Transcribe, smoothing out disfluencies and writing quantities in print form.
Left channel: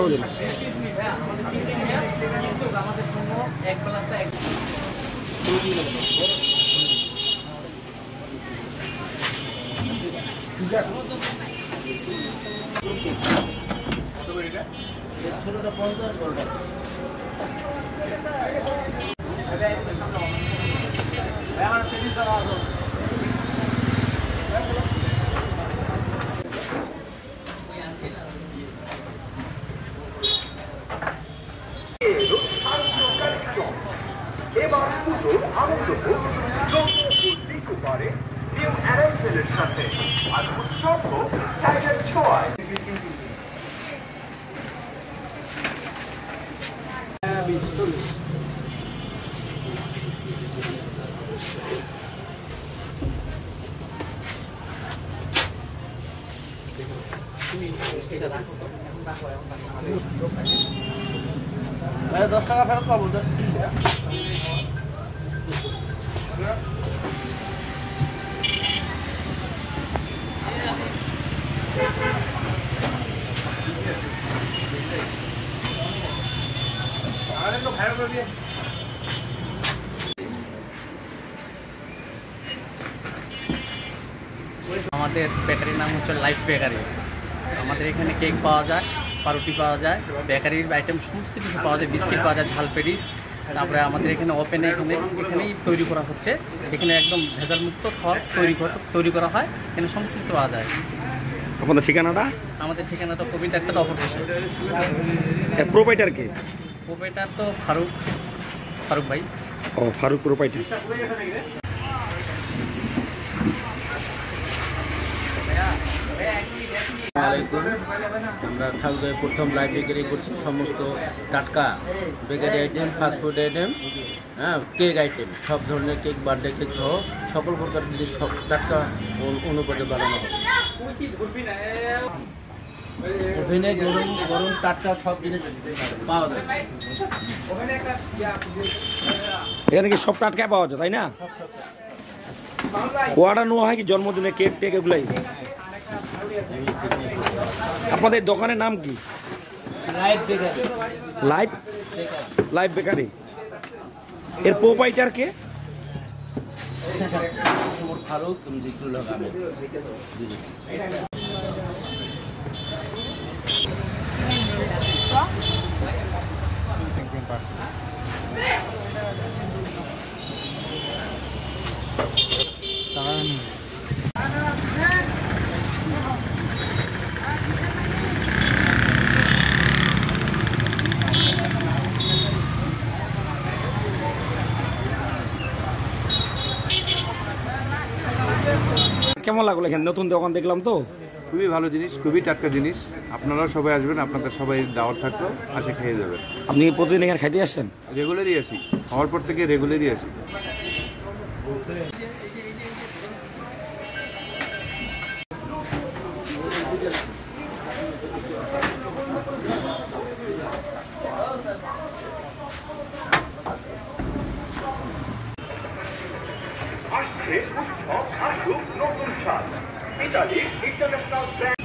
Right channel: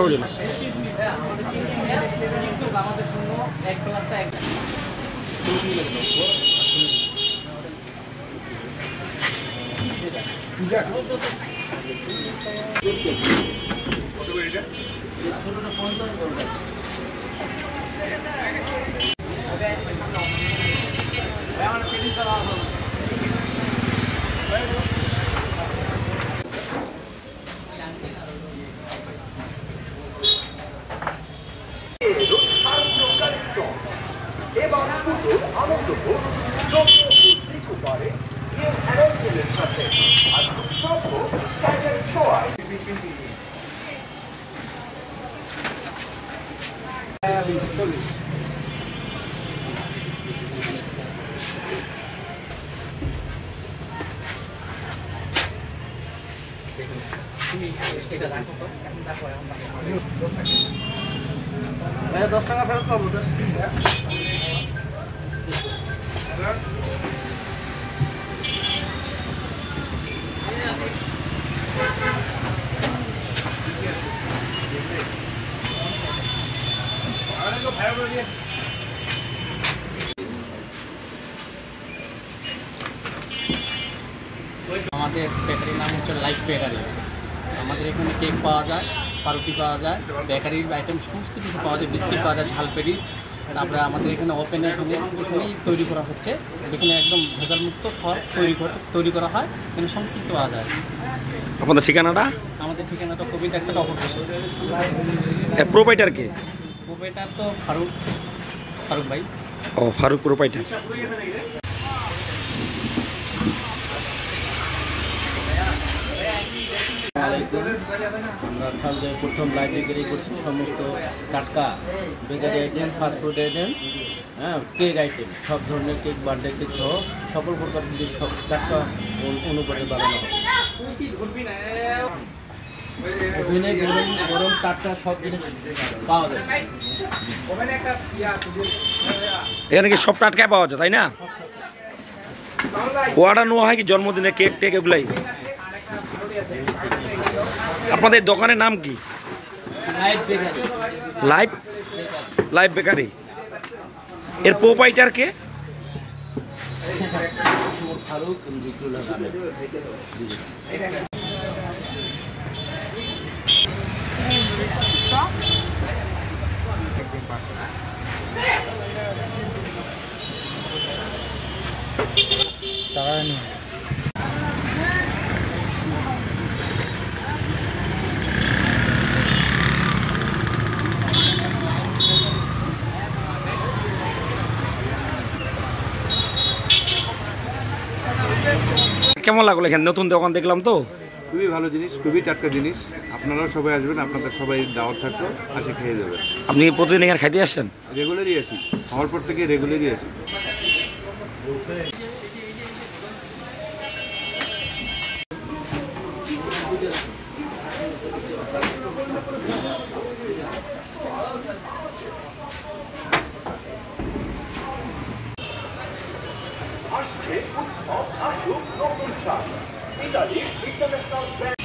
খাওয়ার জন্য। ভাই 10 টাকা ফেরত পাবো তো। আমাদের বেকারির নাম হচ্ছে লাইফ বেকারি। আমাদের এখানে কেক পাওয়া যায়, পাউরুটি পাওয়া যায়, বেকারির আইটেম সমস্ত কিছু পাওয়া যায়, বিস্কিট পাওয়া যায়, ঝাল পেটিস। তারপরে আমাদের এখানে ওপেনে এখানেই তৈরি করা হচ্ছে। এখানে একদম ভেজালমুক্ত খাবার তৈরি করা হয়। এখানে সমস্ত কিছু পাওয়া যায়। আপনাদের ঠিকানাটা? আমাদের ঠিকানাটা প্রবীণ একটা অপর পাশে। প্রোপাইটার কে? প্রোপাইটার তো ফারুক ভাই। ও, ফারুক প্রোপাইটার। আমরা ঠাকুরের প্রথম লাইভ বেকারি করছি। সমস্ত টাটকা bakery item, fast food item, cake item, সব ধরনের কেক, বার্থডে কেক সহ সকল প্রকার জিনিস সব টাটকা অনুপাতে বানানো হবে। ওভেনে গরম টাটকা সব জিনিস পাওয়া যায়। এখানে কি সব টাটকা পাওয়া যায়, তাই না? অর্ডার নেওয়া হয় কি জন্মদিনে কেক টেক এগুলাই? আপনাদের দোকানের নাম কি? Live bakery. এর প্রোপাইটার কে? ফারুক জিকরুল্লাহ আহমেদ। কেমন লাগলো এখানে নতুন দোকান দেখলাম তো? খুবই ভালো জিনিস, খুবই টাটকা জিনিস। আপনারাও সবাই আসবেন, আপনাদের সবাই দাওয়াত থাকলো, আসে খেয়ে যাবেন। আপনি প্রতিদিন এখানে খাইতে আসছেন? রেগুলারই আসি, হওয়ার পর থেকে রেগুলারই আসি। Italian International Bank.